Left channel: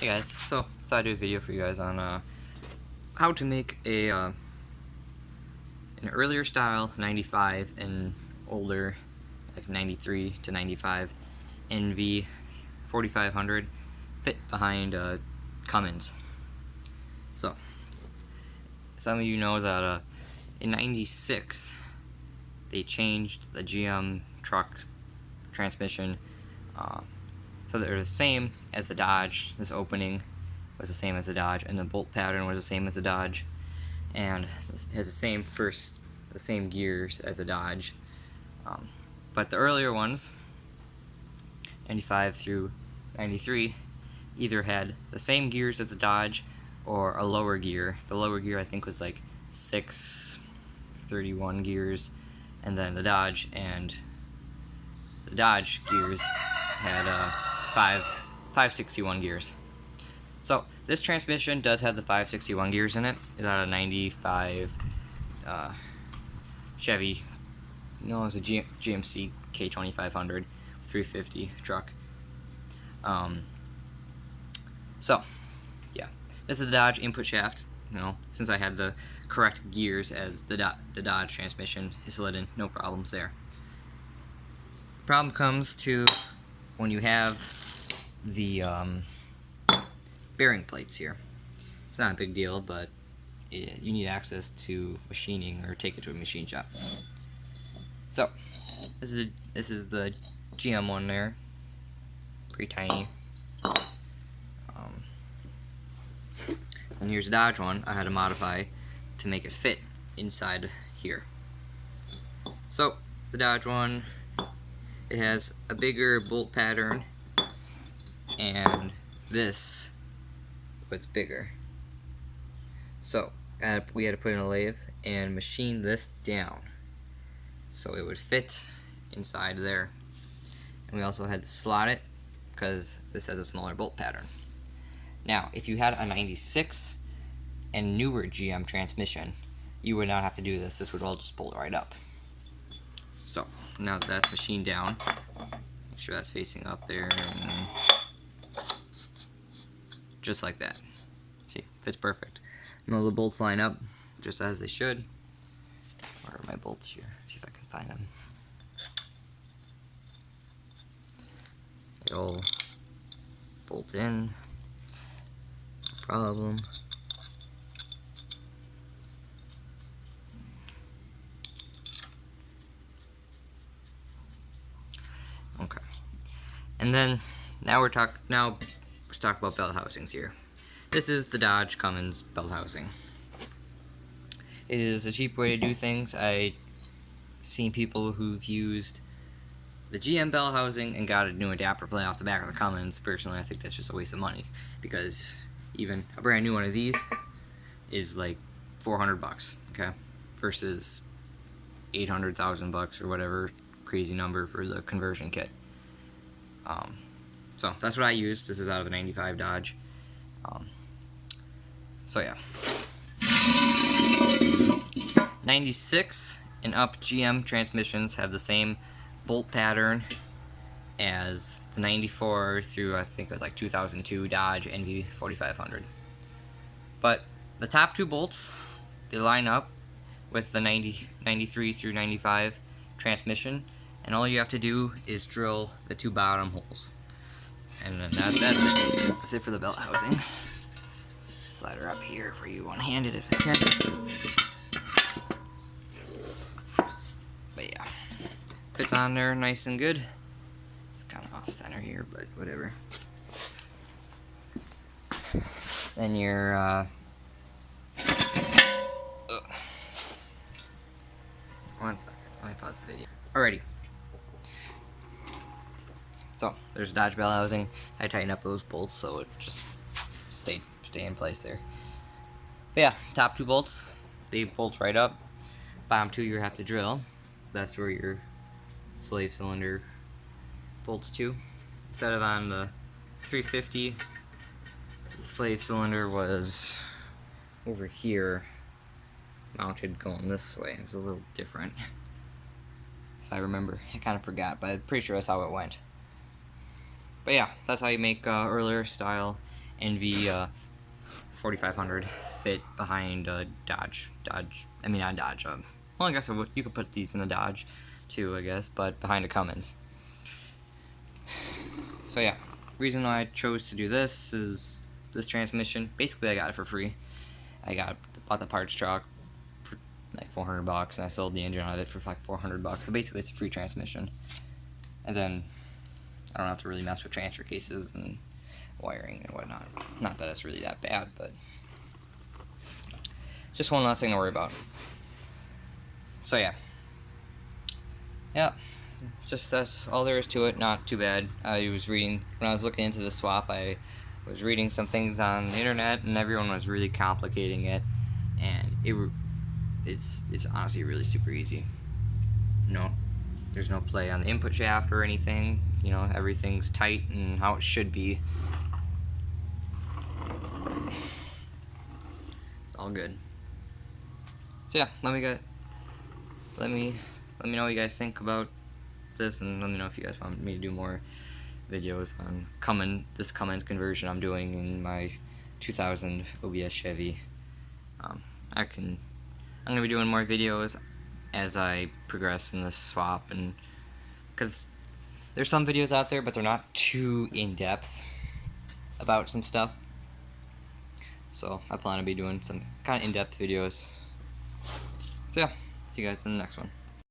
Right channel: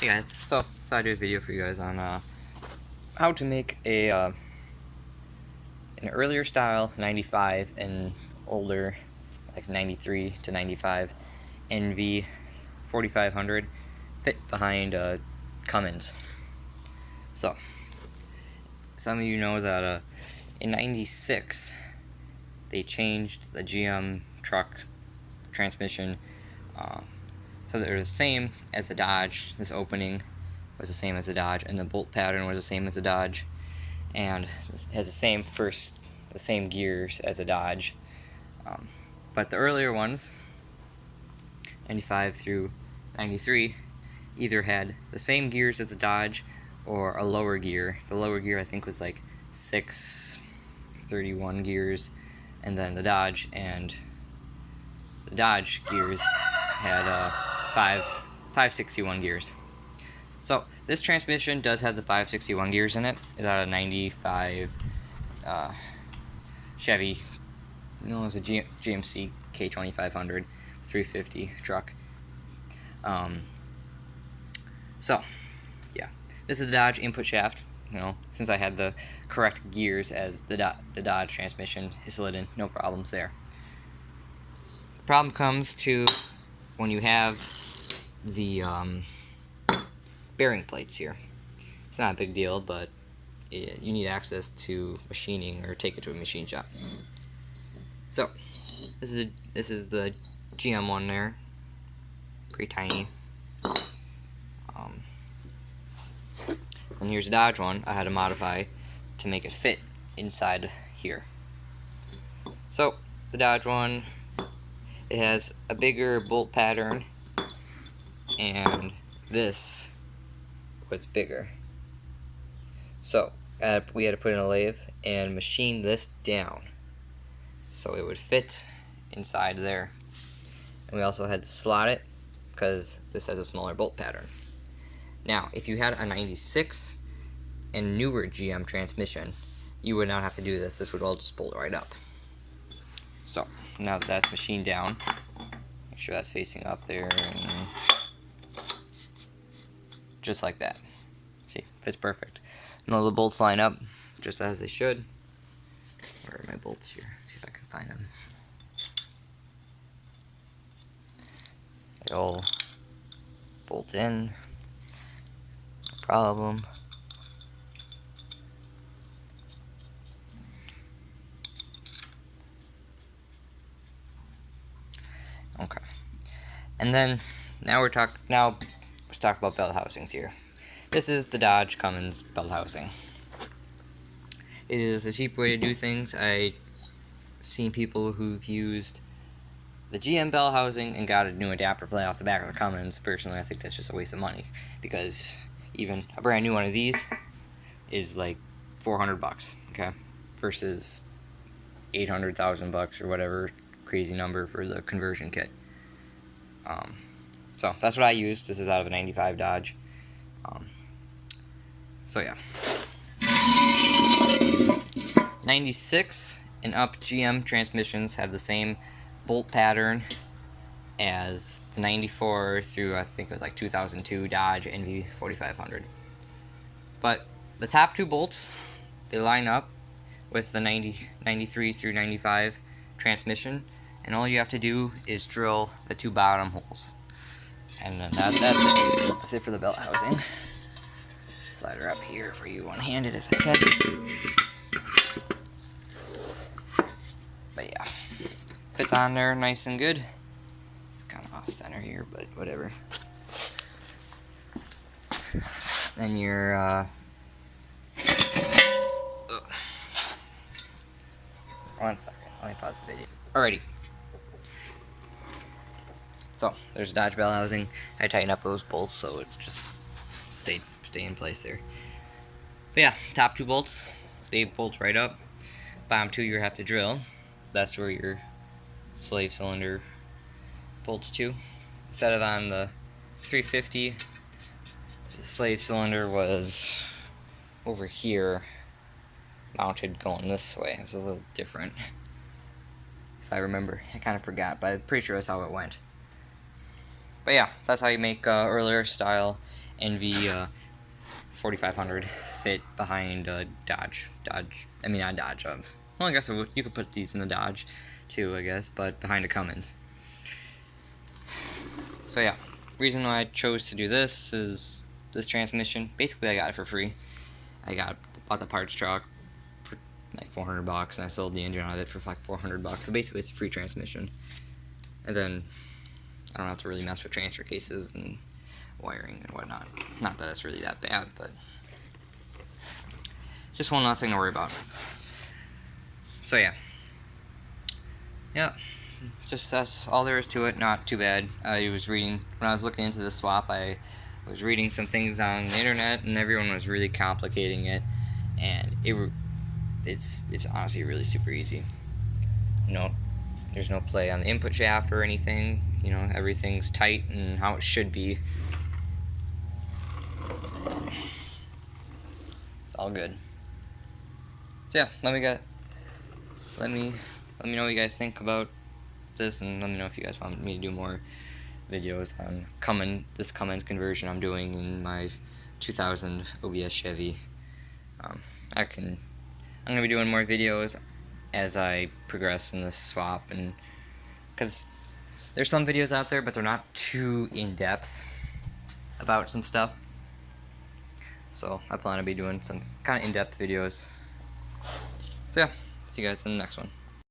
Hey guys, so thought I'd do a video for you guys on how to make a an earlier style 95 and older, like 93 to 95 nv4500 fit behind Cummins. So some of you know that in 96 they changed the GM truck transmission so they're the same as the Dodge. This opening was the same as the Dodge, and the bolt pattern was the same as the Dodge, and it has the same gears as the Dodge. But the earlier ones, 95 through 93, either had the same gears as the Dodge or a lower gear. The lower gear I think was like 631 gears, and then the Dodge gears had 561 gears. So this transmission does have the 561 gears in it. It's out of 95 Chevy. No, it's a GMC K2500 350 truck. So yeah, this is the Dodge input shaft. You know, since I had the correct gears as the Dodge transmission, is slid in, no problems there. The problem comes to when you have the bearing plates here. It's not a big deal, but you need access to machining or take it to a machine shop. So this is the GM one there, pretty tiny. And here's the Dodge one I had to modify to make it fit inside here. So the Dodge one, it has a bigger bolt pattern, and this was bigger. So we had to put in a lathe and machine this down so it would fit inside there. And we also had to slot it because this has a smaller bolt pattern. Now, if you had a 96 and newer GM transmission, you would not have to do this. This would all just bolt right up. So now that that's machined down, make sure that's facing up there, and just like that. See, fits perfect. And all the bolts line up just as they should. Where are my bolts here? See if I can find them. They all bolt in, no problem. Okay. And then let's talk about belt housings here. This is the Dodge Cummins belt housing. It is a cheap way to do things. I've seen people who've used the GM belt housing and got a new adapter plate off the back of the Cummins. Personally, I think that's just a waste of money, because even a brand new one of these is like $400, okay, versus $800,000 or whatever crazy number for the conversion kit. So that's what I used. This is out of a 95 Dodge. So yeah, 96 and up GM transmissions have the same bolt pattern as the 94 through, I think it was like 2002 Dodge nv4500. But the top two bolts, they line up with the 93 through 95 transmission, and all you have to do is drill the two bottom holes. And then that's it. That's it for the belt housing. Slide her up here for you one-handed if I can. But yeah, fits on there nice and good. It's kind of off-center here, but whatever. Then your one second, let me pause the video. Alrighty. So there's Dodge belt housing. I tighten up those bolts so it's just stay in place there. But yeah, top two bolts, they bolt right up. Bottom two you have to drill. That's where your slave cylinder bolts to. Instead of on the 350, the slave cylinder was over here, mounted going this way. It was a little different, if I remember. I kind of forgot, but I'm pretty sure that's how it went. But yeah, that's how you make earlier style nv4500 fit behind a Dodge. I mean not Dodge. Well, I guess you could put these in a Dodge too, I guess, but behind a Cummins. So yeah, reason why I chose to do this is this transmission. Basically, I got it for free. Bought the parts truck for like $400, and I sold the engine out of it for like $400. So basically, it's a free transmission. And then I don't have to really mess with transfer cases and wiring and whatnot. Not that it's really that bad, but just one less thing to worry about. So yeah, just that's all there is to it. Not too bad. I was reading when I was looking into the swap. I was reading some things on the internet, and everyone was really complicating it, and it's honestly really super easy. There's no play on the input shaft or anything. Everything's tight and how it should be. It's all good. So yeah, let me know what you guys think about this, and let me know if you guys want me to do more videos on this Cummins conversion I'm doing in my 2000 OBS Chevy. I'm gonna be doing more videos as I progress in this swap, and because there's some videos out there, but they're not too in-depth about some stuff. So I plan to be doing some kind of in-depth videos. So yeah, see you guys in the next one.